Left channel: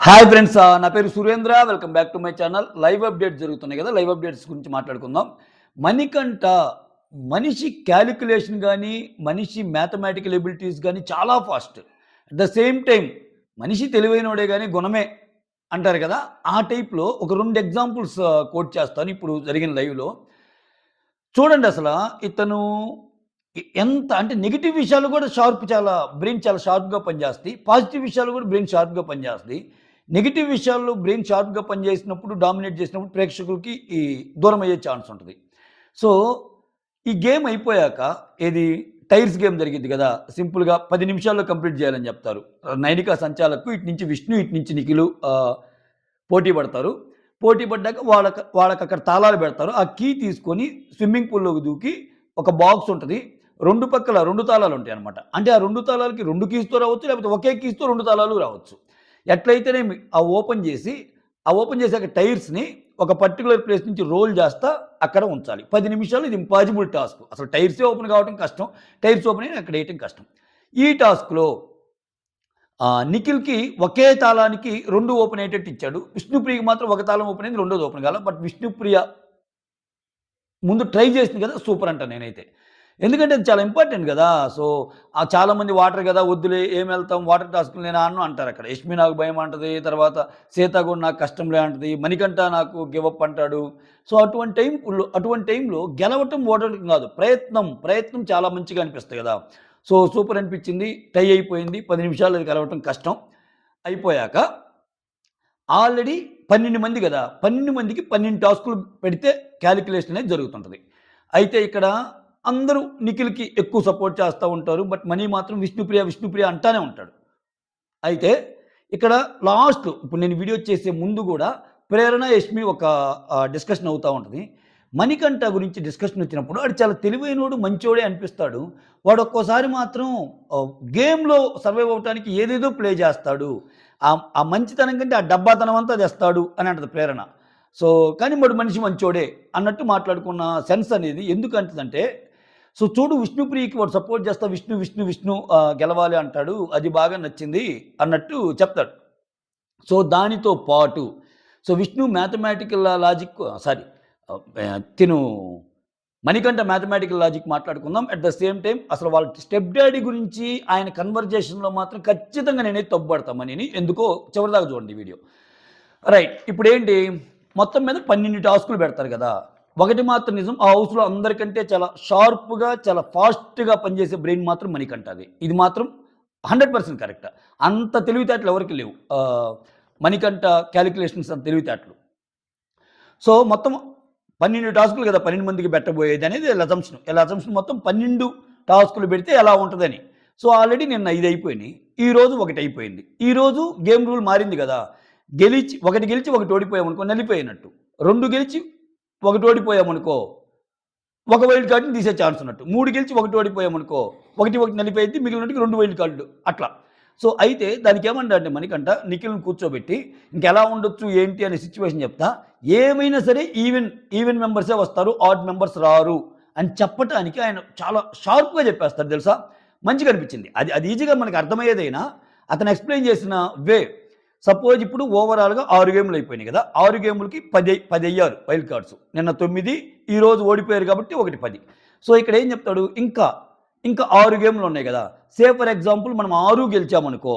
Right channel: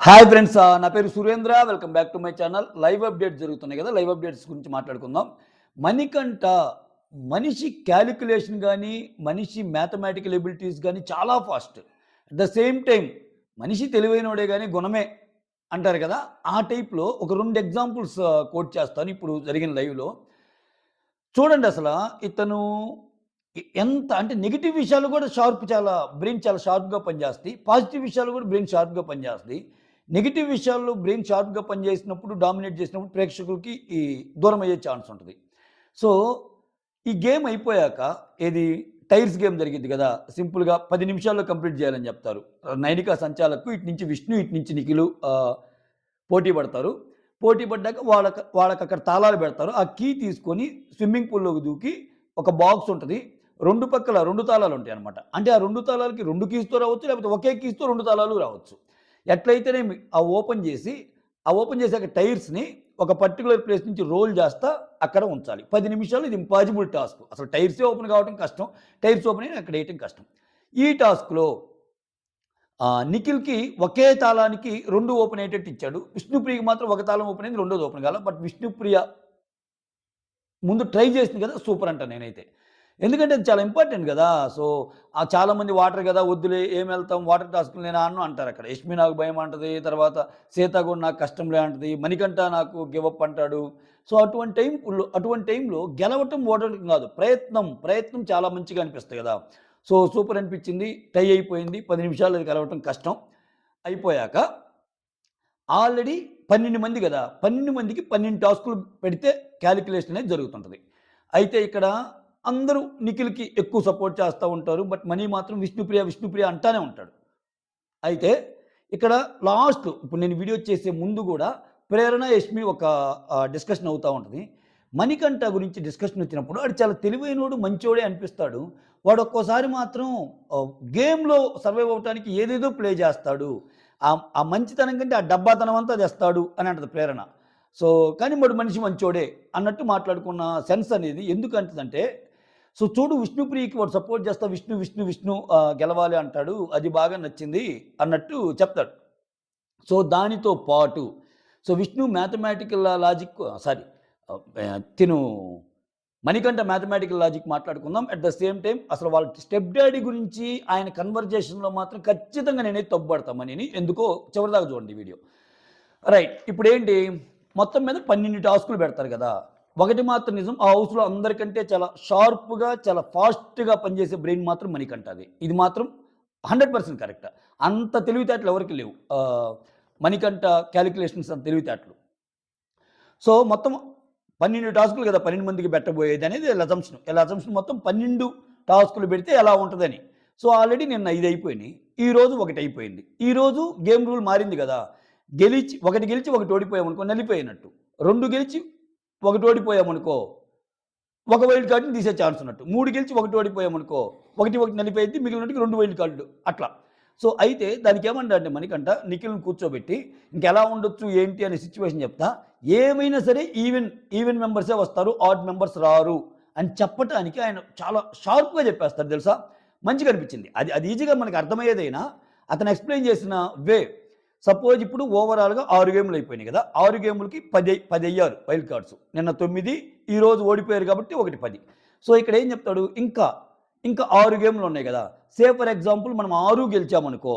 Hi friends, నా పేరు Surendra. Welcome back to my channel. Live updates జరుగుతున్నాయి కదా, లైవ్ అప్డేట్స్ గురించి మాట్లాడుకుందాం. మణికంఠ మనిషి క్యాలిక్యులేషన్ కానీ, మనిషి మ్యాథమెటికల్ ఎబిలిటీస్ కానీ చాలా fast. At the same time మనిషి తెలివైనోడే కానీ గుణమే అంటారు కదా, ఆ టైప్లో ఒక 2 ఎగ్జాంపుల్స్ కోట్ చేస్తాను ఇప్పుడు జరిగిన లైవ్లో. చూడండి అసల ఇతను ఎంత అంటే నెగెటివ్ విషయాలు కూడా చాలా బ్రెయిన్ చాలా షార్ప్‌గా పనిచేస్తాయి. పాజిటివ్ విషయాలు కూడా బ్రెయిన్ షార్ప్‌గా పనిచేస్తాయి. నెగెటివ్ విషయాల్లో బ్రెయిన్ షార్ప్‌గా పనిచేసినప్పుడు, డామినేట్ చేసినప్పుడు ప్రేక్షకులకి దూరమయ్యే ఛాన్స్ ఉంటది. సో, ఈ గేమ్ అయిపోయాక ఏది టైర్స్ గేమ్ జరిగిద్ది గదా! సింపుల్‌గా 10 నిమిషాల్లో కంప్లీట్ చేయాలని చెప్తారు. నైనికా సంచాలక్‌కు ఇటు నుంచి విష్ణు, ఇటు నుంచి నిఖిలు పోటీ పడతారు. పోటీ పడ్డాక వాళ్ళకక్కడ తాళాలు పెడతారు. ఆ కీ తీసుకొని స్విమ్మింగ్ పూల్‌లోకి దూకి ఒక బాక్స్ ఉంటది. 2 పక్కల 2 తాళాలుంటాయన్నమాట. అంటే ఆ 2 తాళాలకి 2 కీస్‌తో రావచ్చు. లేకపోతే ఒకే కీస్‌తో 2 తాళాలు రావచ్చు. ఎట్లయితేనేమి ఆ ఓపెన్ చేసాక టైర్స్‌ని ఒక పర్టిక్యులర్ ప్లేస్ నుంచి రోల్ చేస్తా అక్కడ ఉంచాలి. 10 నిమిషాలు ఇది ఇంపాసిబుల్ టాస్క్. అసలు టైర్సే ఓపెన్ కావడం కష్టం. టైర్స్ ఓపెన్ అయ్యి అక్కడ ఏయటం కష్టం. ఈ టాస్క్‌లో నిఖిల్‌కి ఒకే తాళానికి 2 ఓపెన్ అయ్యేటట్టు ఇచ్చాడు. విష్ణుప్రియకి మాత్రం ఒక తాళం ఓపెన్ అయింది. రెండోది ఓపెన్ కాలా. బట్ విష్ణుప్రియ ముందు ట్రై చేసింది కదా! సూపర్ అంటా నేనైతే. ఎందుకంటే అది చాలా ఇంపార్టెంట్ గదా! సో, చాలామంది వాటర్ గదా! వద్దులే ఏమెళ్తాం వాటర్ టాస్క్‌లు నేను ఆడను అంటారక్కడ. యష్మి నాకు భయం అంటది. తర్వాత సీత కూడా నాకు కష్టంలే అంటది. మణికంఠ నాకు గివ్ అప్ అంటాడు. సో, అటువంటి టైంలో గెలవటం, ఓడటం గాదు. ప్రయత్నం చాలా మంచిగా అనిపిస్తాయి గదా! సో, సూపర్ అనిపించింది. టై అయిపోయింది. 10 నిమిషాల్లో అది గెలవటం కష్టం. అయిపోయాక ఆల్రెడీ 12 మంది గదా! 12 మందికి 12 టాస్కులు పెడితే కాలిక్యులేషన్ అనేది జరుగుతుంటది. అయితే ఇక్కడ అందరూ నిఖిల్‌కి ఎక్కువ సపోర్ట్ చేస్తా ఉంటారు. బట్ మనీ మాత్రం విష్ణుప్రియ అంటానే ఉంటాడు. అయితే ఇక్కడ లాస్ట్‌లో ఇప్పుడు నేను వీడియో చేసే ముందు గూడా ప్రేరణ, యష్మి ఒక డిస్కషన్ అవుతా ఉంటది. మణికంఠ గురించి డిస్కషన్ వచ్చినప్పుడు ఆడు చాలా తెలివైనోడు, మంచోడే అనిపిస్తాడు. వాడు ఒక్కోసారి మాత్రం గేమ్‌లో సర్వైవ్ అవ్వటానికి ఏదేదో ప్లే చేస్తాడు. ఆ మంచితనం కంటే ఆ డబ్బాతనం అంతా తెస్తాడు అని అంటది ప్రేరణ. సో, కానీ వాడు మనిషి మంచోడే అన్నట్టు మాట్లాడుకున్న సెన్స్ అనేది ఎందుకంటదంటే, సో చూడు విష్ణుప్రియకి వాడు సపోర్ట్ చేస్తా విష్ణు గెలవాలి అంటాడు. అది బాగా నచ్చింది అన్నట్టు చెప్తాడు. సో దానితో పాటు విష్ణు మ్యాథమెటికల్ లాజిక్ సారీ తిను మణికంఠ మ్యాథమెటికల్ లాజిక్ మాట్లాడుకుందాం. అట్ ద సేమ్ టైమ్ అసలు వాళ్ళ స్టెప్ డ్యాడీ గురించి ఆయన కన్వర్జేషన్‌లో మాత్రం ఖచ్చితంగా నేనైతే తప్పుపడతా మనీని. ఎందుకో చివరిదాకా చూడండి ఈ వీడియో. రైట్. ఇప్పుడేంటి మొత్తం మీద 12 టాస్కులు పెడతారు గదా! ఒకటి మాత్రం నిజం. ఆ హౌస్‌లో అందరికంటే చాలా షార్ప్‌గా, చాలా ఫాస్ట్‌గా పనిచేసే బ్రెయిన్ మాత్రం మణికంఠది. ఇది మాత్రం 100% కరెక్ట్. అంత తెలివితేటలు ఎవరికీ లేవు. మణికంఠ కాలిక్యులేషన్స్ అంత తెలివితేటలు. సో, మొత్తం 12 టాస్కులు కదా! 12 మందికి పెట్టబోయేదనేది ఈళ్ళ అజంప్షన్. ఈళ్ళ అజంప్షన్ మొత్తం 12 టాస్కులు పెడితే ఎలా ఉంటదని. సో, ఆల్రెడీ నిన్న 5 అయిపోయినాయి. ఈరోజు ఒకటి అయిపోయింది. ఈరోజు గేమ్ రూల్ మారింది గదా! ఒకటి గెలిచి ఒకటి ఓడిపోయామనుకో నలిపోయినట్టు. 2 గెలిచి ఒకటి ఓడిపోయామనుకో ఒక వైల్డ్ కార్డ్‌ని తీసే ఛాన్స్ ఉన్నట్టు. 3 గెలిచి ఒకటి ఓడిపోయామనుకో ఒకటి నలిపోయిద్ది. మిగిలినోటికి 2 వైల్డ్ కార్డ్‌లు అట్లా. సో, అయితే దానికేమన్నాడంటే మణికంఠ నిఖిల్‌ని కూర్చోబెట్టి ఇంకెలా ఉండొచ్చు ఏంటి అనే సిట్యుయేషన్ చెప్తా. ఏమైనా సరే ఈవెన్ మెంబర్సే వస్తారు. ఆడ్ మెంబర్స్ రారు అని చెప్పటానికి ఆయన చాలా షార్ప్‌గా చెప్పేస్తాడు తెలుసా? మంచిగా అనిపించింది. అది ఈజీగా మనకు అర్థమయ్యేదైనా అతను ఎక్స్‌ప్లెయిన్ చేసిన వే సపోజ్ ఇప్పుడు ఓవరాల్‌గా 6 గేమ్‌లు అయిపోయినాయి గదా! 6 గేమ్‌లకి 10 అయ్యారు వైల్డ్ కార్డ్స్. నిన్న 9 ఈరోజు ఓడిపోయారు కాబట్టి ఒకటి 10. సో, ఇక్కడ ఏం చెప్తాడు ఇంకా 6 గేమ్‌లు ఉన్నాయి గదా! సే ఫర్ ఎగ్జాంపుల్ మనం 6 గెలిచామనుకో,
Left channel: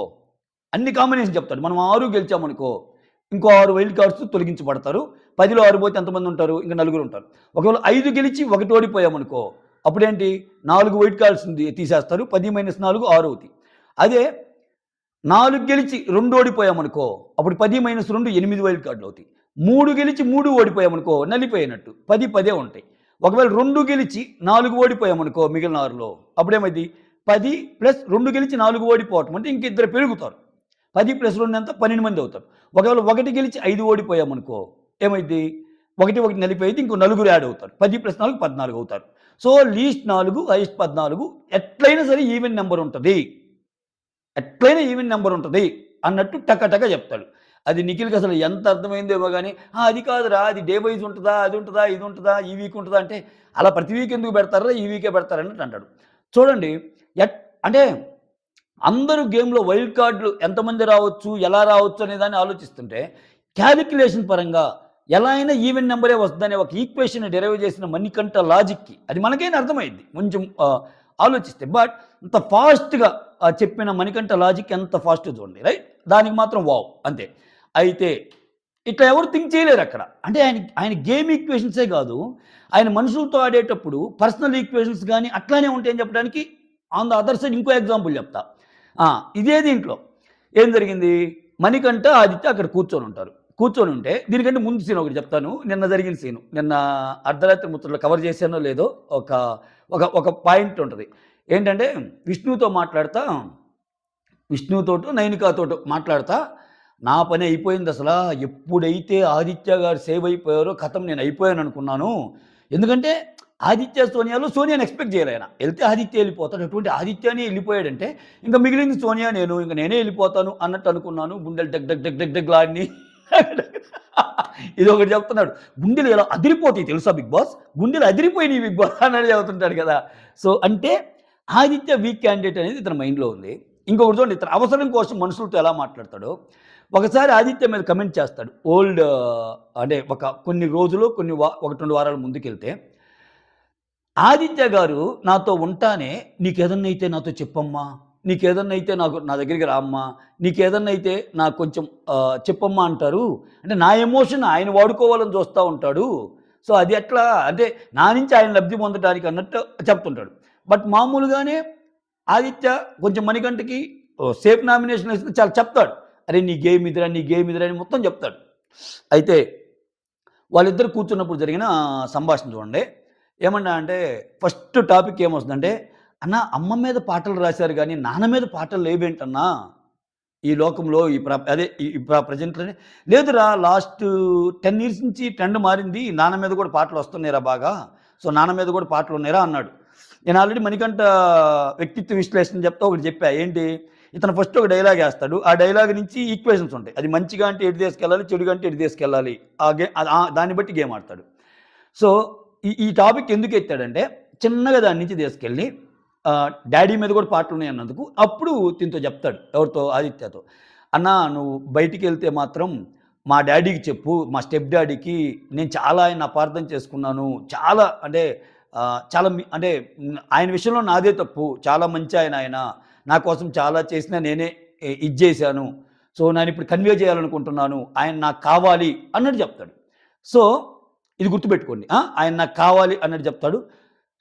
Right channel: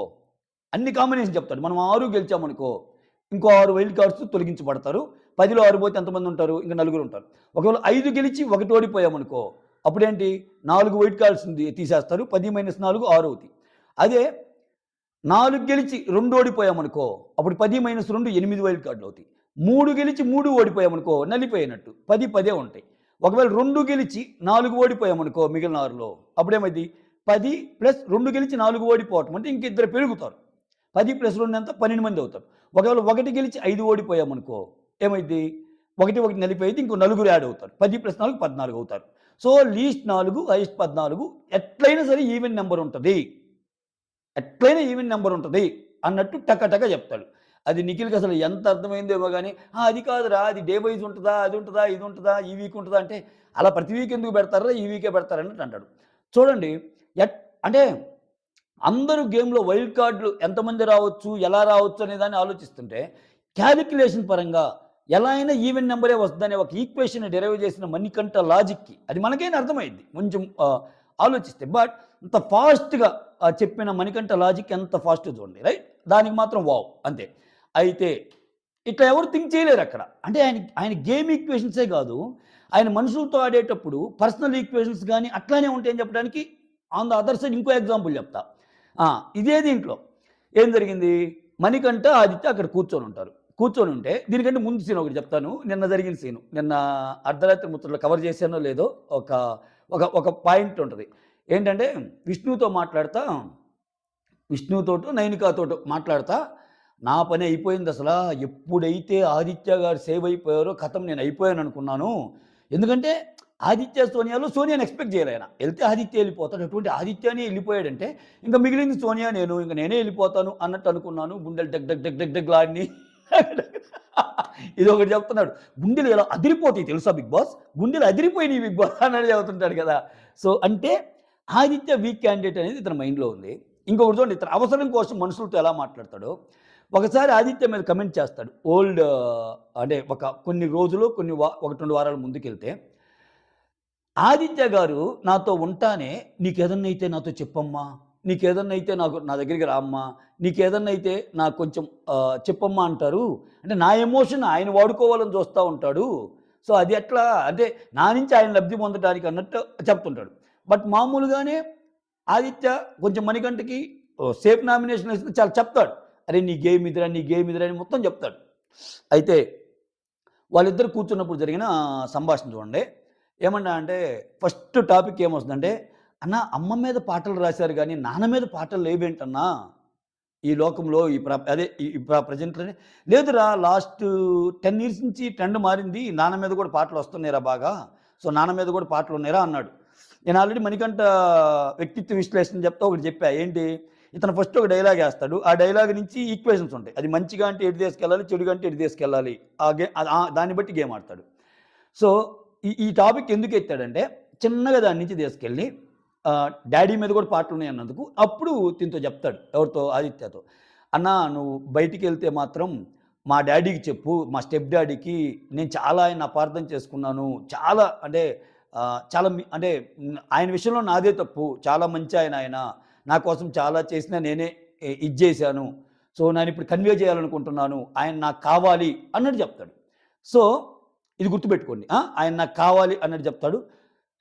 అన్ని కాంబినేషన్ చెప్తాడు. మనం 6 గెలిచామనుకో, ఇంకో 6 వైల్డ్ కార్డ్స్ తొలగించబడతారు. 10లో 6 పోతే ఎంతమంది ఉంటారు? ఇంక నలుగురు ఉంటారు. ఒకవేళ 5 గెలిచి ఒకటి ఓడిపోయామనుకో, అప్పుడేంటి 4 వైల్డ్ కార్డ్స్ తీసేస్తారు. 10 - 4 6 అవుతాయి. అదే 4 గెలిచి 2 ఓడిపోయామనుకో, అప్పుడు 10 - 2 8 వైల్డ్ కార్డ్‌లవుతాయి. 3 గెలిచి 3 ఓడిపోయామనుకో నలిపోయినట్టు. 10 ఉంటాయి. ఒకవేళ 2 గెలిచి 4 ఓడిపోయామనుకో మిగిలిన 6లో అప్పుడేమైద్ది 10 + 2 గెలిచి 4 ఓడిపోవటం అంటే ఇంక ఇద్దరు పెరుగుతారు. 10 + 2 ఎంత 12 మంది అవుతారు. ఒకవేళ 1 గెలిచి 5 ఓడిపోయామనుకో ఏమైద్ది 1 నలిపోయిద్ది. ఇంకో నలుగురు యాడ్ అవుతారు. 10 + 4 14 అవుతారు. సో, లీస్ట్ 4 హైయెస్ట్ 14 ఎట్లైనా సరే ఈవెన్ నంబర్ ఉంటది. ఎట్లైనా ఈవెన్ నంబర్ ఉంటది అన్నట్టు టక చెప్తాడు. అది నిఖిల్‌కి అసలు ఎంత అర్థమైందేమో గాని, అది కాదురా అది డే వైస్ ఉంటదా? అది ఉంటదా? ఇది ఉంటదా? ఈ వీక్ ఉంటదా? అంటే అలా ప్రతి వీక్ ఎందుకు పెడతార్రా? ఈ వీకే పెడతారు అన్నట్టు అంటాడు. చూడండి ఎట్ అంటే అందరూ గేమ్‌లో వైల్డ్ కార్డ్‌లు ఎంతమంది రావచ్చు, ఎలా రావచ్చు అనే దాన్ని ఆలోచిస్తుంటే, కాలిక్యులేషన్ పరంగా ఎలా అయినా ఈవెన్ నంబరే వస్తదనే ఒక ఈక్వేషన్‌ని డిరైవ్ చేసిన మణికంఠ లాజిక్‌కి అది మనకైనా అర్థమైద్ది. కొంచెం ఆలోచిస్తే. బట్ అంత ఫాస్ట్‌గా చెప్పిన మణికంఠ లాజిక్ ఎంత ఫాస్ట్‌గా చూడండి. రైట్? దానికి మాత్రం వావ్! అంతే. అయితే ఇట్లా ఎవరు థింక్ చేయలేరక్కడ. అంటే ఆయన గేమ్ ఈక్వేషన్సే గాదు. ఆయన మనుషులతో ఆడేటప్పుడు పర్సనల్ ఈక్వేషన్స్ గాని అట్లానే ఉంటాయని చెప్పడానికి ఆన్ ద అదర్ సైడ్ ఇంకో ఎగ్జాంపుల్ చెప్తా. ఆ! ఇదే దీంట్లో ఏం జరిగింది? మణికంఠ, ఆదిత్య అక్కడ కూర్చొనుంటారు. కూర్చొనుంటే దీనికంటే ముందు సీన్ ఒకటి చెప్తాను. నిన్న జరిగిన సీను. నిన్న అర్ధరాత్రి ముచ్చట్లు కవర్ చేశానో లేదో ఒక ఒక ఒక పాయింట్ ఉంటది. ఏంటంటే విష్ణుతో మాట్లాడతా విష్ణుతోటో, నైనికాతోటో మాట్లాడతా, నా పని అయిపోయిందసలా. ఎప్పుడైతే ఆదిత్య గారు సేవ్ అయిపోయారో ఖతం నేను అయిపోయాననుకున్నాను. ఎందుకంటే ఆదిత్య, సోనియాలో సోనియాని ఎక్స్‌పెక్ట్ చేయలే ఆయన. ఎళ్తే ఆదిత్య ఎళ్ళిపోతాడు. అటువంటి ఆదిత్యనే ఎళ్ళిపోయాడంటే ఇంక మిగిలింది సోనియా, నేను. ఇంక నేనే ఎళ్ళిపోతాను అన్నట్టు అనుకున్నాను. గుండెలు డగ్ డగ్ డగ్ డగ్ డగ్‌లాడినియి. ఇదొకటి చెప్తున్నాడు. గుండెలు ఎలా అదిరిపోతాయి తెలుసా బిగ్ బాస్? గుండెలు అదిరిపోయినియి బిగ్ బాస్ అన్నట్టు చెబుతుంటాడు కదా! సో, అంటే ఆదిత్య వీక్ క్యాండిడేట్ అనేది ఇతని మైండ్‌లో ఉంది. ఇంకొకటి చూడండి ఇతను అవసరం కోసం మనుషులతో ఎలా మాట్లాడతాడో, ఒకసారి ఆదిత్య మీద కమెంట్ చేస్తాడు. ఓల్డ్ అంటే కొన్ని రోజులు కొన్ని 1, 2 వారాల ముందుకెళ్తే, ఆదిత్య గారు నాతో ఉంటానే "నీకేదన్నైతే నాతో చెప్పమ్మా, నీకేదన్నైతే నా దగ్గరికి రామ్మా, నీకేదన్నైతే నాకు కొంచెం చెప్పమ్మా" అంటారు. అంటే నా ఎమోషన్ ఆయన వాడుకోవాలని చూస్తా ఉంటాడు. సో, అది ఎట్లా అంటే నా నుంచి ఆయన లబ్ధి పొందడానికి అన్నట్టు చెప్తుంటాడు. బట్ మామూలుగానే ఆదిత్య కొంచెం మణికంఠకి సేఫ్ నామినేషన్ వేస్తే చాలా చెప్తాడు. "అరే! నీ గేమ్ ఇదిరా, నీ గేమ్ ఇదిరా" అని మొత్తం చెప్తాడు. అయితే వాళ్ళిద్దరు కూర్చున్నప్పుడు జరిగిన సంభాషణ చూడండి. ఏమన్నా అంటే ఫస్ట్ టాపిక్ ఏమొస్తుందంటే, "అన్నా అమ్మ మీద పాటలు రాశారు గానీ, నాన్న మీద పాటలు లేవేంటన్నా? ఈ లోకంలో ఈ ప్ర అదే ఈ ఈ ప్ర ప్రెజెంట్‌లోనే" "లేదురా లాస్ట్ 10 ఇయర్స్ నుంచి ట్రెండ్ మారింది. నాన్న మీద కూడా పాటలొస్తున్నాయిరా బాగా. సో, నాన్న మీద కూడా పాటలున్నాయిరా" అన్నాడు. నేను ఆల్రెడీ మణికంఠ వ్యక్తిత్వ విశ్లేషణ చెప్తా ఒకటి చెప్పా. ఏంటి? ఇతను ఫస్ట్ ఒక డైలాగ్ ఏస్తాడు. ఆ డైలాగ్ నుంచి ఈక్వేషన్స్ ఉంటాయి. అది మంచిగా అంటే ఎటు తీసుకెళ్ళాలి, చెడుగా అంటే ఎటు తీసుకెళ్ళాలి. దాన్ని బట్టి గేమ్ ఆడతాడు. సో, ఈ టాపిక్ ఎందుకు ఎత్తాడంటే, చిన్నగా దాని నుంచి తీసుకెళ్ళి డ్యాడీ మీద కూడా పాటలున్నాయి అన్నందుకు, అప్పుడు దీంతో చెప్తాడు. ఎవరితో? ఆదిత్యతో. "అన్నా నువ్వు బయటికెళ్తే మాత్రం మా డ్యాడీకి చెప్పు. మా స్టెప్ డ్యాడీకి నేను చాలా ఆయన్ని అపార్థం చేసుకున్నాను. చాలా అంటే చాలా అంటే ఆయన విషయంలో నాదే తప్పు. చాలా మంచి ఆయన ఆయన. నా కోసం చాలా చేసినా నేనే ఇది జేశాను. సో, నేనిప్పుడు కన్వే చేయాలనుకుంటున్నాను. ఆయన నాకు కావాలి" అన్నట్టు చెప్తాడు. సో, ఇది గుర్తుపెట్టుకోండి. ఆయన నాకు కావాలి అన్నట్టు చెప్తాడు.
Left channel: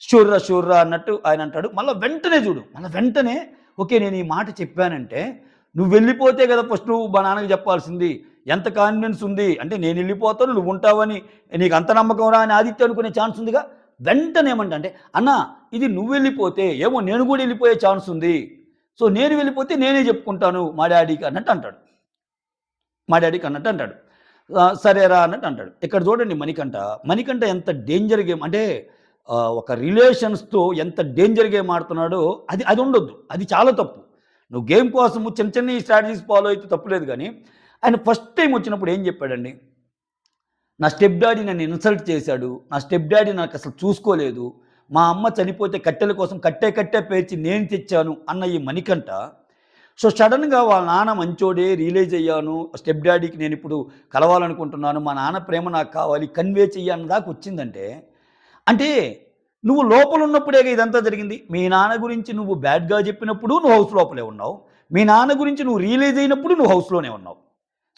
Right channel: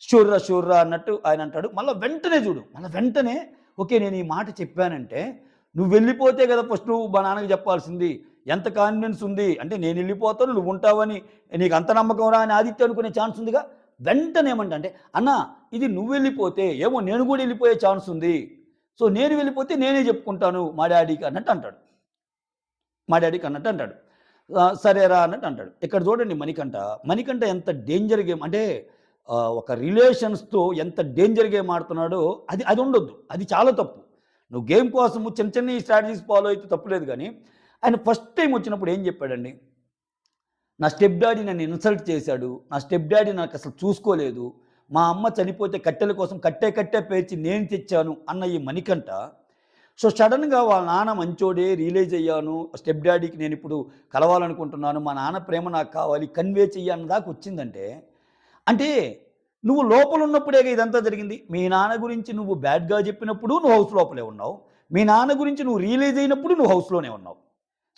షూర్‌రా, షూర్‌రా అన్నట్టు ఆయన అంటాడు. మళ్ళా వెంటనే చూడు. మళ్ళా వెంటనే ఓకే. నేను ఈ మాట చెప్పానంటే, నువ్వు వెళ్ళిపోతే కదా ఫస్ట్ నువ్వు మా నాన్నకి చెప్పాల్సింది. ఎంత కాన్ఫిడెన్స్ ఉంది. అంటే నేనెళ్ళిపోతాను నువ్వుంటావని నీకు అంత నమ్మకం రా అని ఆదిత్య అనుకునే ఛాన్స్ ఉందిగా. వెంటనే ఏమంటా అంటే, "అన్నా ఇది నువ్వెళ్ళిపోతే ఏమో నేను గూడా ఎళ్ళిపోయే ఛాన్స్ ఉంది. సో, నేను వెళ్ళిపోతే నేనే చెప్పుకుంటాను మా డ్యాడీకి" అన్నట్టు అంటాడు. మా డ్యాడీకి అన్నట్టు అంటాడు. సరేరా అన్నట్టు అంటాడు. ఇక్కడ చూడండి మణికంఠ. మణికంఠ ఎంత డేంజర్ గేమ్ అంటే ఒక రిలేషన్స్‌తో ఎంత డేంజర్ గేమ్ ఆడుతున్నాడో అది ఉండొద్దు. అది చాలా తప్పు. నువ్వు గేమ్ కోసము చిన్న చిన్న స్ట్రాటజీస్ ఫాలో అయితే తప్పులేదు గానీ, ఆయన ఫస్ట్ టైమ్ వచ్చినప్పుడు ఏం చెప్పాడండి? నా స్టెప్ డ్యాడీ నన్ను ఇన్సల్ట్ చేశాడు. నా స్టెప్ డ్యాడీ నాకసలు చూసుకోలేదు. మా అమ్మ చనిపోతే కట్టెల కోసం కట్టే పేర్చి నేను తెచ్చాను అన్న ఈ మణికంఠ సో, సడెన్‌గా వాళ్ళ నాన్న మంచోడే రియలైజ్ అయ్యాను. స్టెప్ డ్యాడీకి నేనిప్పుడు కలవాలనుకుంటున్నాను. మా నాన్న ప్రేమ నాకు కావాలి. కన్వే చెయ్యి అన్న దాకా వచ్చిందంటే, అంటే నువ్వు లోపలున్నప్పుడేగా ఇదంతా జరిగింది. మీ నాన్న గురించి నువ్వు బ్యాడ్‌గా చెప్పినప్పుడు నువ్వు హౌస్ లోపలే ఉన్నావు. మీ నాన్న గురించి నువ్వు రియలైజ్ అయినప్పుడు నువ్వు హౌస్‌లోనే ఉన్నావు.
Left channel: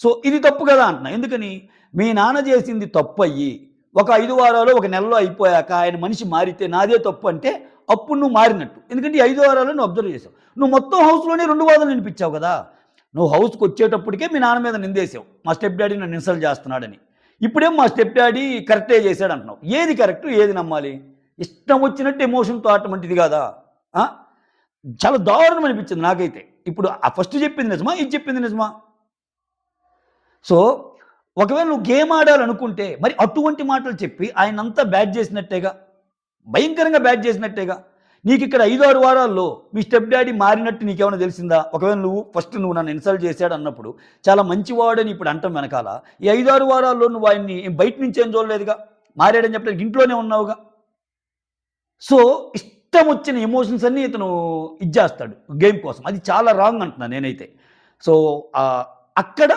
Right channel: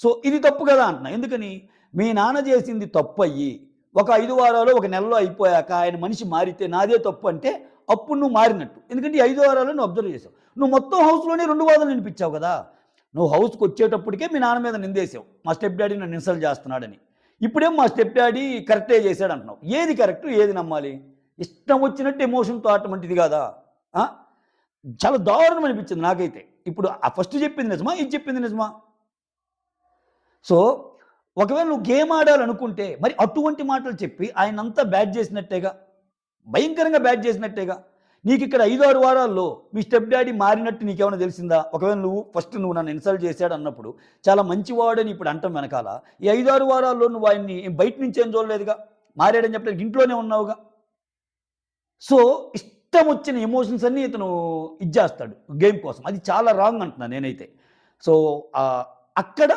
సో, ఇది తప్పు కదా అంటున్నా. ఎందుకని? మీ నాన్న చేసింది తప్పయ్యి, ఒక 5 వారాలో, ఒక నెలలో అయిపోయాక ఆయన మనిషి మారితే నాదే తప్పు అంటే, అప్పుడు నువ్వు మారినట్టు. ఎందుకంటే ఈ 5 వారాల్లో నువ్వు అబ్జర్వ్ చేసావు. నువ్వు మొత్తం హౌస్‌లోనే 2 వాదనలు వినిపించావు కదా! నువ్వు హౌస్‌కొచ్చేటప్పటికే మీ నాన్న మీద నిందేసావు. మా స్టెప్ డ్యాడీ నన్ను ఇన్సల్ట్ చేస్తున్నాడని. ఇప్పుడేమో మా స్టెప్ డ్యాడీ కరెక్టే చేశాడంటున్నావు. ఏది కరెక్టు? ఏది నమ్మాలి? ఇష్టం వచ్చినట్టు ఎమోషన్‌తో ఆడటం అంటే ఇది కాదా? ఆ! చాలా దారుణం అనిపించింది నాకైతే. ఇప్పుడు ఆ ఫస్ట్ చెప్పింది నిజమా? ఇది చెప్పింది నిజమా? సో, ఒకవేళ నువ్వు గేమ్ ఆడాలనుకుంటే, మరి అటువంటి మాటలు చెప్పి ఆయనంతా బ్యాడ్ చేసినట్టేగా. భయంకరంగా బ్యాడ్ చేసినట్టేగా. నీకిక్కడ 5, 6 వారాల్లో మీ స్టెప్ డ్యాడీ మారినట్టు నీకేమైనా తెలిసిందా? ఒకవేళ నువ్వు నన్ను ఇన్సల్ట్ చేశాడన్నప్పుడు, చాలా మంచివాడని ఇప్పుడు అంటం వెనకాల, ఈ 5, 6 వారాల్లో నువ్వు ఆయన్ని బయట నుంచి ఏం చూడలేదుగా. మారాడని చెప్పడానికి ఇంట్లోనే ఉన్నావుగా. సో, ఇష్టం వచ్చిన ఎమోషన్స్ అన్నీ ఇతను ఇచ్చేస్తాడు గేమ్ కోసం. అది చాలా రాంగ్ అంటున్నాను నేనైతే. సో, అక్కడ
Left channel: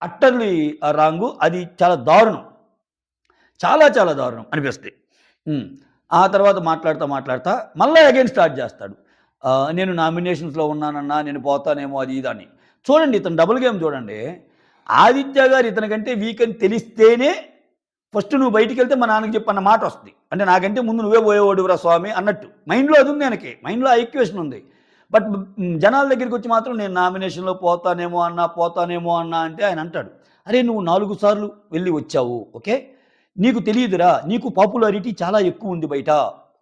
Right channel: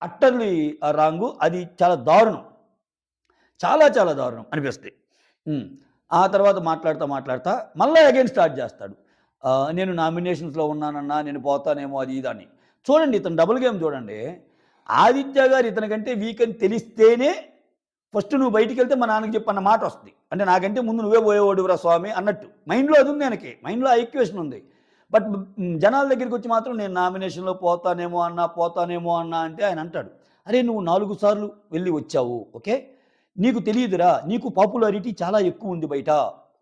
అట్టర్‌లీ రాంగు. అది చాలా దారుణం. చాలా చాలా దారుణం అనిపిస్తాయి. హ్మ్. ఆ తర్వాత మాట్లాడుతా మళ్ళా అగైన్ స్టార్ట్ చేస్తాడు. నేను నామినేషన్స్‌లో ఉన్నానన్నా, నేను పోతానేమో అది ఇది అని. చూడండి ఇతను డబుల్ గేమ్ చూడండి. ఆదిత్య గారు ఇతనికంటే వీక్ అని తెలిస్తేనే ఫస్ట్ నువ్వు బయటికెళ్తే మా నాన్నకి చెప్పు అన్న మాటొస్తది. అంటే నాకంటే ముందు నువ్వే పోయేవాడివిరా స్వామి అన్నట్టు. మైండ్‌లో అదుంది ఆయనకి. మైండ్‌లో ఆ ఈక్వేషన్ ఉంది. బట్ జనాల దగ్గరికొచ్చి మాత్రం నేను నామినేషన్‌లో పోతానేమో అన్నా అంటే ఆయన అంటాడు. "అరే! నువ్వు 4 సార్లు వెళ్లి వచ్చావు. ఓకే. నీకు తెలీదురా. నీకు పాపులారిటీ చాలా ఎక్కువుంది బయట."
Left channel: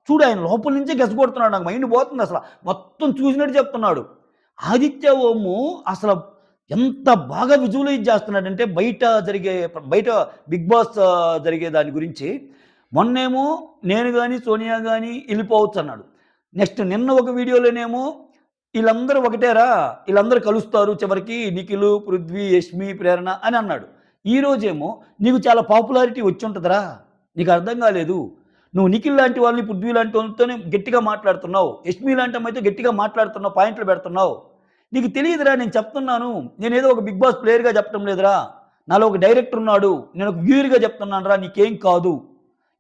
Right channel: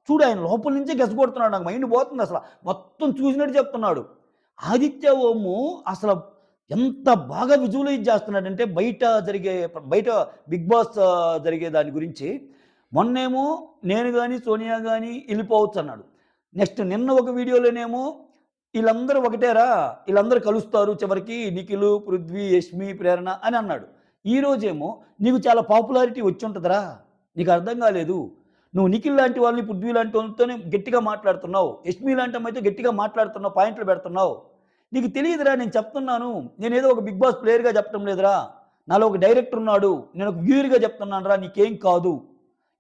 చూడు ఆయన లోపల నుంచే గెసగొడుతున్నాడు. నాకు మైండ్ పోతుందసల. మొత్తం చూసినట్టు చెప్తున్నాడు. ఆదిత్య ఓము అసల ఎంత బాగా విజువలైజ్ చేస్తున్నాడంటే బయట 'బిగ్ బాస్' జరిగే దాని గురించి మొన్నేమో నేను గాని, సోనియా గాని ఎళ్ళిపోవచ్చన్నాడు. నెక్స్ట్ నిన్న ఒక వీడియోలోనేమో ఈళ్ళందరూ ఒకటేరా! ఈళ్ళందరూ కలుస్తారు చివరికి నిఖిలు, పృథ్వీ, యష్మి, ప్రేరణ అని అన్నాడు. ఈరోజేమో నీకు చాలా పాపులారిటీ వచ్చుంటదిరా! నీకు అర్థం కాలేదు. నువ్వు నిఖిల్ లాంటి వాళ్ళని, పృథ్వీ లాంటి వాళ్ళతోనే గట్టిగా మాట్లాడుతున్నావు. యష్మి లాంటి అమ్మాయితో గట్టిగా మాట్లాడుతున్నావు. పాయింట్లు పెడుతున్నావు. నీకు తెలీదురా నేను చెప్తున్నాను. నేనేదో ఒక 'బిగ్ బాస్' ప్లేయర్‌గా చెప్పటం లేదురా. నాలో ఒక డైరెక్టర్ ఉన్నాడు. నేను ఒక వ్యూయర్‌గా చెప్తున్నానురా. నీకేం కాదు.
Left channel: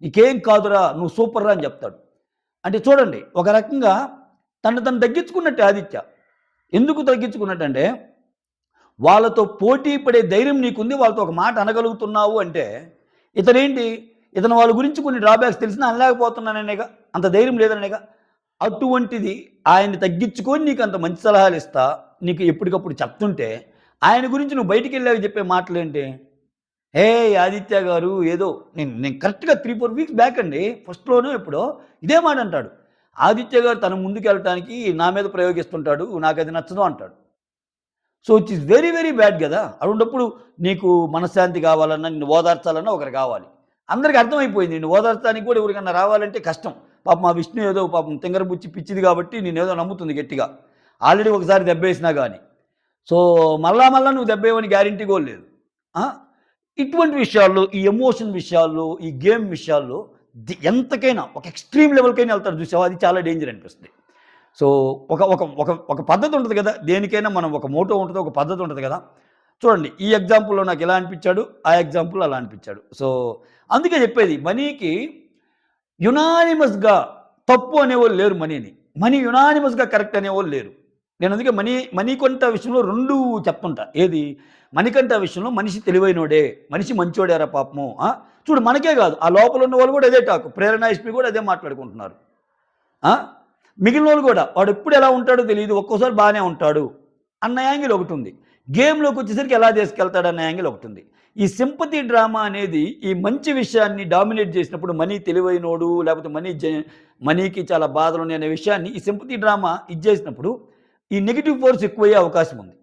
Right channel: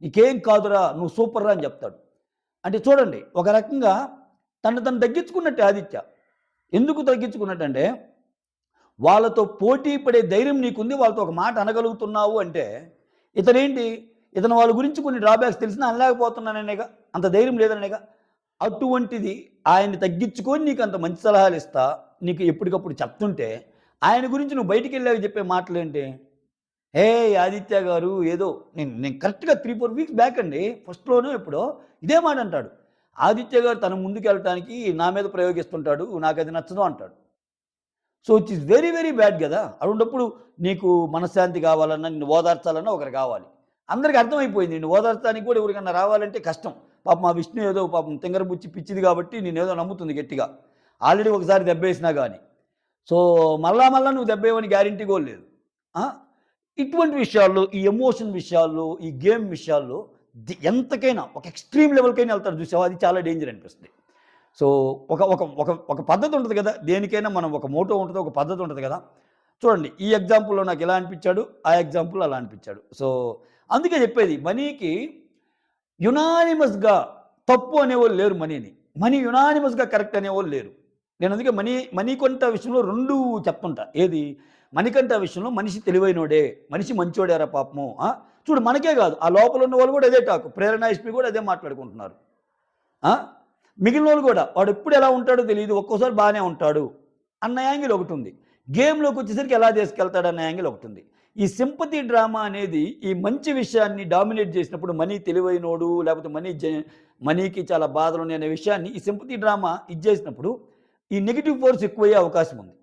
నీకేం కాదురా. నువ్వు సూపర్‌రా అని చెప్తాడు. అంటే చూడండి ఒక రకంగా తను తగ్గించుకున్నట్టే ఆదిత్య. ఎందుకు తగ్గించుకున్నట్టంటే వాళ్ళతో పోటీ పడే ధైర్యం నీకుంది. వాళ్ళతో ఒక మాట అనగలుగుతున్నావు అంటే ఇతనేంటి? ఇతను వాళ్ళ గురించి కొన్ని డ్రాబ్యాక్స్ తెలిసినా అనలేకపోతున్నాననేగా. అంత ధైర్యం లేదనేగా. అటువంటిది ఆయన్ని తగ్గించుకొని నీకంత మంచి సలహాలిస్తా, నీకు ఎప్పటికప్పుడు చెప్తుంటే, ఆయన గురించి నువ్వు బయటికెళ్ళాక చెప్పే మాటలేంటి? "హేయ్! ఆదిత్య గారు ఏదో" నేను నేను కరెక్ట్‌గా 3, 4 వీక్స్ బ్యాక్ అండి. ఫస్ట్‌లోనో ఎప్పుడో ఇదే మాట అంటాడు. ఆదిత్య గారు తన ముందుకెళ్ళటానికి నా మీద ప్రయోగిస్తుంటాడు. నాకది నచ్చదు అంటాడు. So, it is very, very bad గదా! అటువంటప్పుడు నీకు మనశ్శాంతి కావాలన్నా, నిన్ను ఓదార్చాలన్నా ఒకరు కావాలి. అందరికి అర్థమైపోయింది. నిన్ను ఓదార్చడానికి కూడా ఎవరికన్నా రావాలంటే కష్టం. పాపం ఆ విష్ణు ఏదో పాపం తింగరబుచ్చి పిచ్చిది కాబట్టి నిన్నేదో నమ్ముతుంది గట్టిగా. ఆల్రెడీ ఒకసారి దెబ్బేసినా గాని. సో, మళ్ళా నువ్వు దెబ్బేయవని గ్యారంటీ కూడా లేదు. ఆ! ఇటువంటి విషయాల్లో, ఈ ఎమోషన్ విషయాల్లో, ఈ గేమ్ విషయాల్లో ఎంతకైనా ఒక ఎక్స్‌ట్రీమ్ లెవెల్‌కైనా ఎళ్తాడు చూసావా? అది చాలా డేంజర్ అనిపిస్తుంది. సో, ఒక ఒక ఒక ఒక పద్ధతి ఉంటది గదా! దేనికైనా మనం ఒక మోటో ఉంటది. ఒక పద్ధతి ఉంటది గదా! చూడండి ఈ ఎగ్జాంపుల్‌లో నాకెలా అనిపిచ్చాడు, ఆ ఎగ్జాంపుల్‌లో అలా అనిపిచ్చాడు. సో, అందుకే చెప్పేది మనీకి యునానిమస్‌గా తప్పు అనేవోళ్ళు లేరు మనీని. మనీ యునానిమస్‌గా కరెక్ట్ అనేవోళ్ళు లేరు. నేను అందుకే మణికంఠ విషయంలో 2 చెప్తుంటా. ఏది? మణికంఠ విషయంలో మనిషి తెలివైనోడే, మనిషి మంచోడేరా పాపము. చూడు మనకే గాదు. ఆ లోపల ఉన్న వాళ్ళు గూడా అదే టాక్. ప్రేరణ, యష్మి గూడా అదే మాట్లాడుకుంటున్నారు. ఆ! మిగిలినోళ్ళు గూడా వాడెప్పుడు ఎలా ఉంటాడో తెలీదు. ఒక్కోసారి బానే ఉంటాడు అన్న యాంగిల్ ఒకటుంది. గేమ్‌లోకొచ్చేసరికి ఎలా తీసుకెళ్తాడన్న యాంగిల్ ఒకటుంది. ఈ సింపతి డ్రామా అనేది ఈ మంచి విషయాన్ని డామినేట్ చేసినప్పుడు మనీ తెలివైనోడు లేకపోతే మనీకి చాలా బాధలున్నాయి అనే విషయాన్ని ఈ సింపతి డ్రామా ఇది చేసినప్పుడు ఈ నెగెటివ్ ఫోర్స్ ఎక్కువయ్యే అవకాశం ఉంది.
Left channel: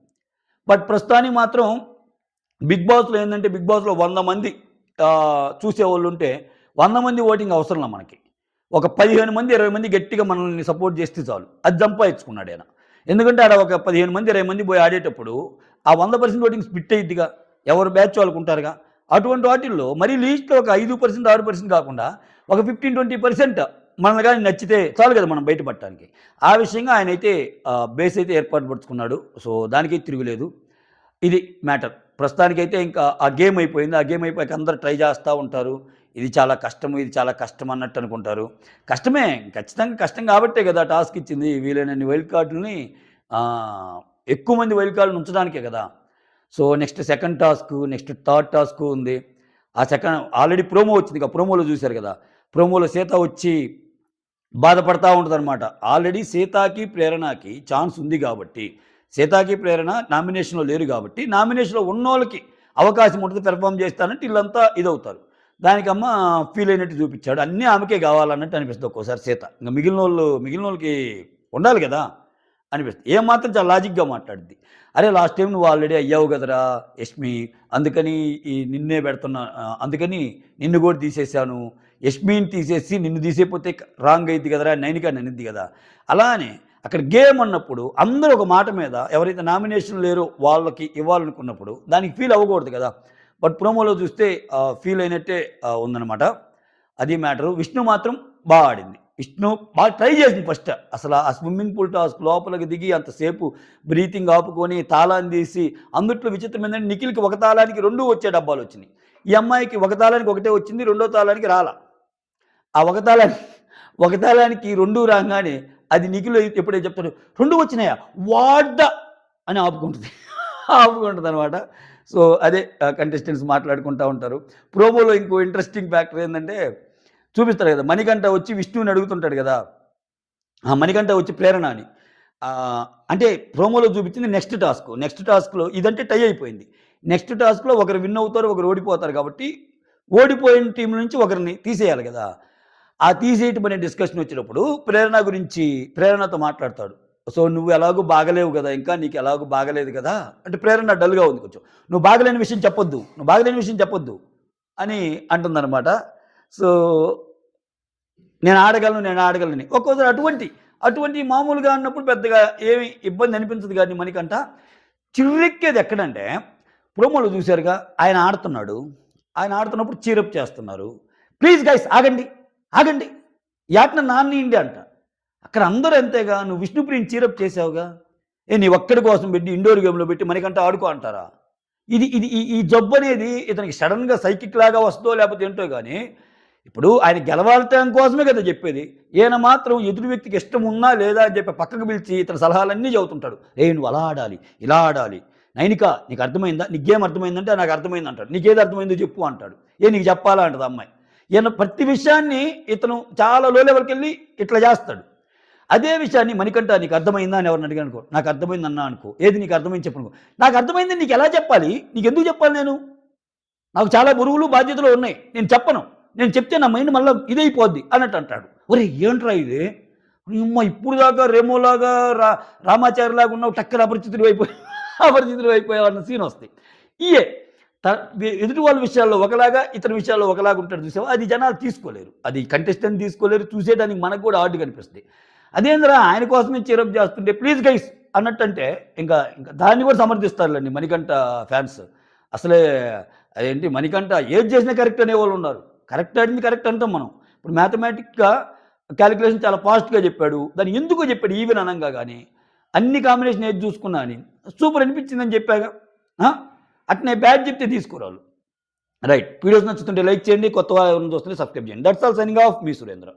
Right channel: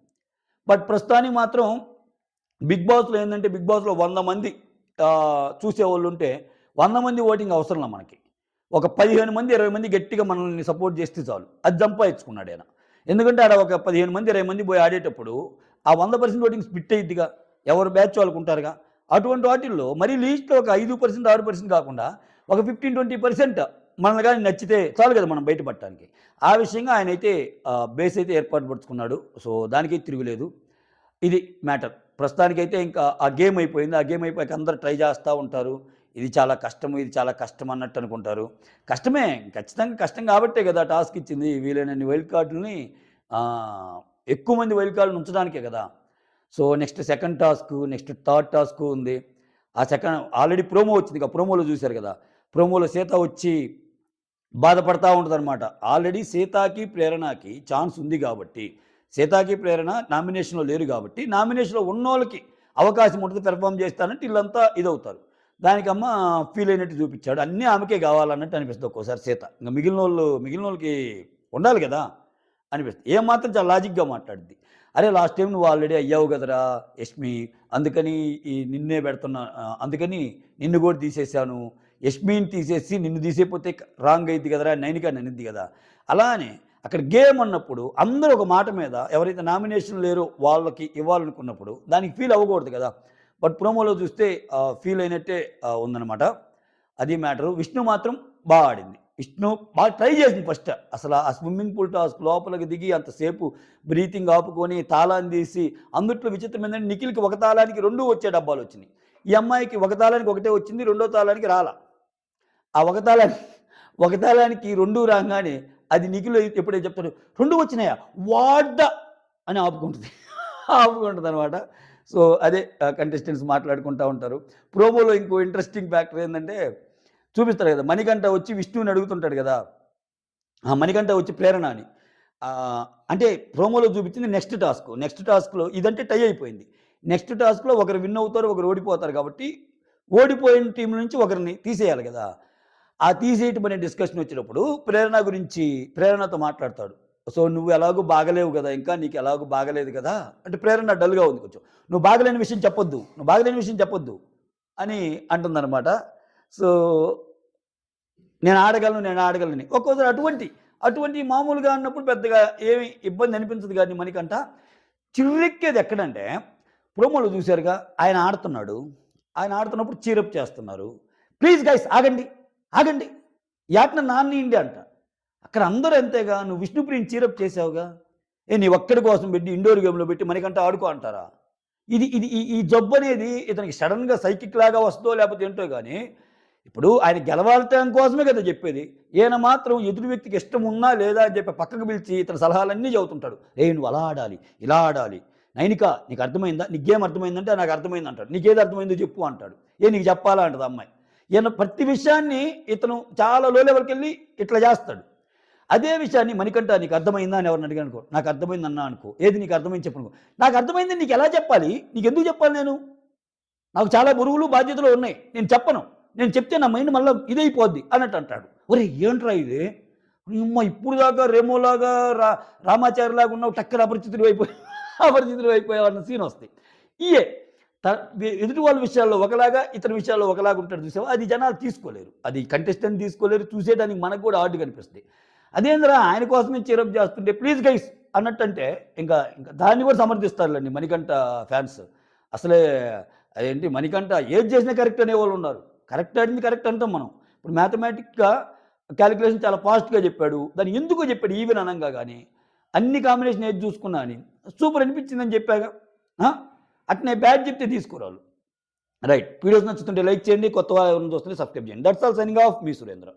బట్ ప్రస్తుతానికి మాత్రం 'బిగ్ బాస్‌లో' ఏందంటే 'బిగ్ బాస్‌లో' 100 మంది చూసేవాళ్ళుంటే 100 మంది ఓటింగ్ అవసరంలా మనకి. ఒక 15 మంది, 20 మంది గట్టిగా మనల్ని సపోర్ట్ చేస్తే చాలు. అది సంపాదించుకున్నాడాయన. ఎందుకంటే ఆడ ఒక 15 మంది, 20 మంది పోయి ఆడేటప్పుడు ఆ 100% ఓటింగ్ స్ప్లిట్ అయ్యిద్దిగా. ఎవరి బ్యాచ్ వాళ్ళకుంటారుగా. అటువంటి వాటిల్లో మరీ లీస్ట్‌లో ఒక 5%, 6% కాకుండా ఒక 15, 20% మనల్ని గాని నచ్చితే చాలు కదా మనం బయట పడటానికి. ఆ విషయంగా ఆయనైతే బేస్ అయితే ఏర్పాటు పరుచుకున్నాడు. సో, దానికైతే తిరుగులేదు. ఇది మ్యాటర్. ప్రస్తుతానికైతే ఇంకా ఆ గేమ్ అయిపోయింది. ఆ గేమ్ అయిపోయాక అందరూ ట్రై చేస్తా ఉంటారు. ఇది చాలా కష్టము, ఇది చాలా కష్టం అన్నట్టు అనుకుంటారు. కష్టమే. ఖచ్చితంగా కష్టం కాబట్టే కదా టాస్క్ ఇచ్చింది. వీలైనన్ని వైల్డ్ కార్డులని ఆహ్, ఎక్కువ మంది వైల్డ్ కార్డ్‌ని ఉంచడానికే కదా! So, next second టాస్కు, next third టాస్కు ఉంది. ఆ ఆల్రెడీ ప్రోమో వచ్చిందిగా. ప్రోమోలో చూసారు కదా! ప్రోమోలో సీత వచ్చి బాధపడతా ఉంటదనమాట. ఆల్రెడీ సీతకి, ప్రేరణకి ఛాన్స్ ఉంది గాబట్టి, సీతకి, ప్రేరణ నామినేషన్‌లో లేరు గాబట్టి, నామినేషన్‌లో ఉన్నోళ్ళకి అవకాశం ఉంటది పెర్ఫార్మ్ జేస్తానంటే ఈళ్ళంతా ఇదవుతారు. దానికమ్మ ఫీల్ అయినట్టు చూపిచ్చాడు. అన్నీ ఆమెకే గావాలన్నట్టు అనిపిస్తది ఒక్కోసారి సీత. ఇంక మిగిలినోళ్ళకి ఉండాలి గదా! అనిపిస్తది. ఏమాత్రం చాలా లాజిక్‌గా మాట్లాడిద్ది. అరే! లాస్ట్ టైమ్ నువ్వు ఆల్రెడీ అయ్యావు గదరా యష్మి. అందుకని నిన్నే పెడుతున్నా అందుకని నిన్ను గూడా తీసేశాను. యష్మిని తీసేసి నిన్ను తీసేయపోతే రాంగ్ అయిద్ది కదరా! నైనిక అని అనిద్ది గదా! అలానే అక్కడ గేమ్ అన్నప్పుడు అందరూ ఒక మాట మీద ఎవరైతే నామినేషన్ లేరో వాళ్ళకి ఇవ్వాలనుకున్నప్పుడు దానికి ఫీల్ అవ్వకూడదు గదా! బట్ ప్రోమోలో చూస్తే ఫీల్ అయినట్టే ఉందనమాట. అది మ్యాటరు. విష్ణు మాత్రం ఆడింది. విష్ణు బాగా ట్రై చేసింది ఫస్ట్. అసల ఆ స్విమ్మింగ్ పూల్ టాస్క్ లోపలికి దిగి అంతసేపు బ్రీతింగ్ ఆపుకొని, తాళాన్ని తీసి అందుట్లో విచిత్రం ఏందంటే నిఖిల్‌కి ఒక తాళానికి 2 వచ్చే డబ్బాలొచ్చినియి. ఈ అమ్మాయికి ఒక తాళానికి ఒకటే వచ్చింది. రెండో తాళానికి రాలా. ఆ ఒక తాళానికి ఒక తాళానికి 2 రాంగానే అది నిఖిల్ ఎప్పుడైతే చెప్తాడో, "2 వచ్చినాయా? వాట్ ద" అని ఆపుకుంటది. ఆపుకుంటదనమాట. సో, అదే కంటెస్టెంట్స్ మాట్లాడుకుంటా ఉంటారు. ప్రోమోలో ఇంకో ఇంట్రెస్టింగ్ ఫ్యాక్టర్ ఏందంటే చూపిస్తాడు కదా! మణికంఠ వచ్చి విష్ణుని అడుగుతుంటాడు గదా! ఆ! మణికంఠ వచ్చి ప్రేరణ అని. అంటే ప్రోమోలో చూపించింది నెక్స్ట్ టాస్క్. నెక్స్ట్ టాస్క్‌లో ఇదంటే టై అయిపోయింది. నెక్స్ట్ టాస్క్‌లో ఒకరు విన్ అవుతారు, ఒకరు ఓడిపోతారు కాబట్టి, ఓడిపోయిన టీమ్ నుంచి ఒకరిని తీసేయాలి గదా! ఆ తీసేయటం అనే డిస్కషన్ వచ్చినప్పుడు ప్రేరణ గురించి ప్రేరణతో మాట్లాడతాడు. సో, "నువ్వు ఎలాగో బాగలేవు గదా! ఇంకా నీకు ఎలాగో బాగలేదు గదా!" అంటే ప్రేరణ డల్‌గా ఉంది కొంచెం. "నువ్వు బాగలేని విషయం చెప్పొద్దు. నువ్వు బాగలేని విషయం చెప్పొద్దు" అని అంటుందనమాట. సో, నేను ఆడగలనని. ఒక్కోసారి అటువంటి మామూలుగా అన్నప్పుడు పెద్దగా ఏమి ఇబ్బంది అనిపించదు గానీ మనకంట. చిర్రెక్కేది ఎక్కడంటే, ప్రోమోలో చూసారుగా ఆయన ఆడుతున్నాడు. ఆయన ఆడుతున్నప్పుడు చీరప్ చేస్తున్నారు. "ప్లీజ్ గైస్ ఆగండి. ఆగండి. ఈ ఆటని నాన్నియండి" అంట. అక్కడ అందరూ అంతేగా. "నువ్వు విష్ణుప్రియని చీరప్ చేసావుగా. నీ ఒక్కడి కోసం పెట్టి ఇండోర్ గేమ్‌లో పెట్టి మనకంట ఆడుకో" అంటారా? ఇది ఇది ఈ ఈ జబ్బనేది ఇతనికి సడెన్‌గా సైకిక్ లాగా వస్తదో లేకపోతే ఏంటో గాని, ఇప్పుడు ఆయన గెలవటం కోసమే కదా జెప్పేది. ఈయన మాత్రం ఎదుటి వ్యక్తికి ఇష్టం ఉన్నా లేదా అని చెప్పి పక్కకు పిలిచి ఇతని సలహాలన్నీ చెబుతుంటాడు. "రేయ్! నువ్వు అలా ఆడాలి, ఇలా ఆడాలి. నైనిక నీకు అర్థమైందా? నీకు గేమ్ అర్థమైందంటే నాకు అర్థమైంది" అంటాడు. "నీకేది అర్థమైందో చెప్పు" అంటాడు. నీకు చెప్పాలా అంటది ఆ అమ్మాయి. ఈయన ప్రతి విషయాన్ని ఇతను చాలా లో లెవెల్‌కెళ్ళి ఇట్లా జేస్తాడు. అదే విషయాన్ని మణికంఠ నీకు అర్థమైందా అని ఎవరిని అడిగాననుకో, నాకు అర్థమైందన్నా అనుకో. ఏది నీకు అర్థమైంది చెప్పు అనుకో. నాకు అర్థమైందని నీకెలా చెప్పాలి? నీకెందుకు చెప్పాలి నేను? నాకు చాలా బరువులు, బాధ్యతలు ఉన్నాయి. నేను చెప్పను. నేను చెప్తే నా మైండ్ మళ్ళా ఇదైపోద్ది అన్నట్టు అంటాడు. ఒరేయ్! ఏంట్రా ఇది? యమ్మ ఇప్పుడు దాకా రెమోలాగా రామాచారిలాగా ఉన్నావు టక్కన అపరిచితుడివైపోయావు అన్న సీనొస్తాయి. ఇయే త ఎదుటి వాళ్ళ విషయాల్లో ఒకలాగా, ఇతని విషయాల్లో ఒకలాగా ఉంటాడు చూసావా? అది జనాలు తీసుకోలేరు. అది కంటెస్టెంట్ తీసుకోలేరు. చూసేయడానికి మనకు కూడా ఆడ్‌గా అనిపిస్తది. అదేందిరా ఆయన కోసమే చీరప్ చేస్తుంటే ప్లీజ్ గైస్ అన్నట్టంటే ఇంకా దాన్ని కూడా సమర్థిస్తారులెండి మణికంఠ ఫ్యాన్స్. అసలే అదేంటి మణికంఠ ఏది చేసినా కరెక్ట్ అనేవాళ్ళున్నారు. కరెక్ట్ ఆడింది కరెక్ట్ అంటాం మనం. ఇప్పుడు మ్యాథమెటిక్‌గా కాలిక్యులేషన్ చాలా ఫాస్ట్‌గా చెప్పాడు. దాన్ని ఎందుకో చెప్పాడు ఈవెన్ అనంగా గాని, అన్ని కాంబినేషన్ ఏది చూసుకున్నా అని. సూపర్ అనిపించిందని చెప్పాగా. ఆ! అట్నే బ్యాడ్ చెప్తే తీసుకోరాళ్ళు. రైట్. వీడియోస్ నచ్చుతుంటే లైక్ చేయండి. కొత్త వారు ఎవరైనా చూస్తుంటే సబ్స్క్రైబ్ చేయండి. That's all signing off me Surendra.